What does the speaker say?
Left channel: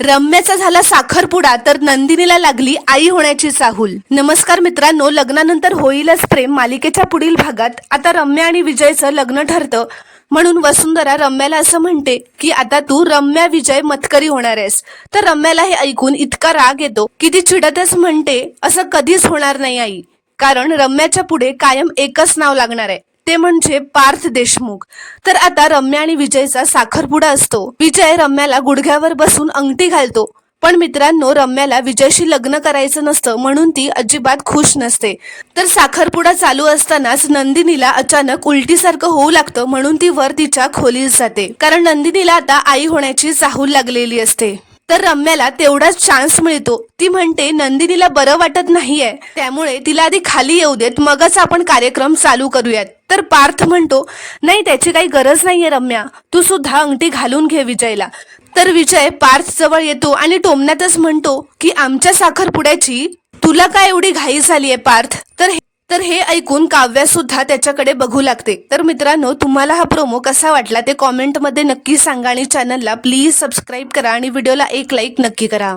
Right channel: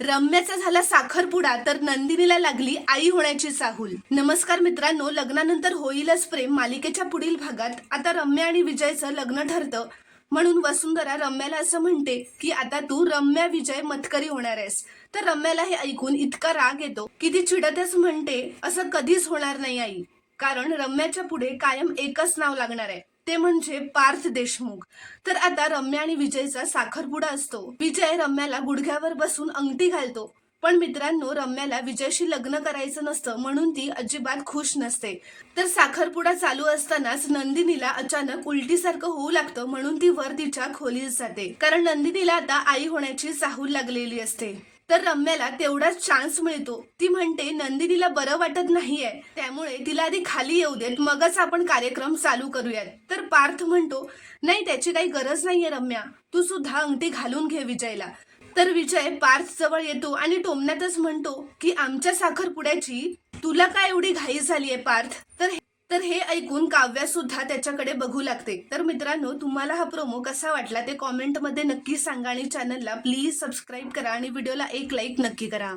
रम्याचा झाला साखरपुडा तर नंदिनीला लागली आई होण्याची चाहूल। नमस्कार मित्रांनो, लग्नानंतर होईलच प्रेम मालिकेच्या पुढील भागात आता रम्या आणि विजयचं लग्न ठरतं। म्हणून वसुंधरा रम्याला असं म्हणते की आता तू रम्या विजय मतकरी होणार आहेस। तर रम्याला हे ऐकून इतका राग येतो की ती चिडतच म्हणते असं कधीच होणार नाही आई, कारण रम्याच्या पुढे कायम एकच नाव लागणार आहे, ते म्हणजे पार्थ देशमुख। तर आता रम्या आणि विजयचा साखरपुडा असतो। विजय रम्याला गुडघ्यावर बसून अंगठी घालतो, पण मित्रांनो रम्याला विजयशी लग्न करायचं नसतं म्हणून ती अजिबात खुश नसते। तर साखरपुडा चालू असतानाच नंदिनीला अचानक उलटीसारखं होऊ लागतं, म्हणून ती वर तिच्या खोलीत जाते, कारण नंदिनीला आता आई होण्याची चाहूल लागलेली असते। तर रम्याला तेवढाच चान्स मिळतो। ती म्हणते नंदिनीला बरं वाटत नाहीये, त्यामुळे तिला आधी खाली येऊ देत, मगच आपण कार्यक्रम चालू करूयात। तर पार्थ म्हणतो नाही, त्याची काही गरज नाहीये रम्या, तू सुद्धा अंगठी घालून घे विजयला। तर विजय पार्थ जवळ येतो आणि टोमण्यातच म्हणतो की आमच्या साखरपुड्याची तुला काय एवढी घाई झालीये पार्थ। तर हे ऐकून काव्या सुद्धा त्याच्याकडे बघू लागते। तर मित्रांनो, तुम्हाला हा प्रोमो कसा वाटला ते कॉमेंटमध्ये नक्की सांगा आणि चॅनलला प्लीज सबस्क्राईब करा आणि व्हिडिओला एक लाईक नक्की करा।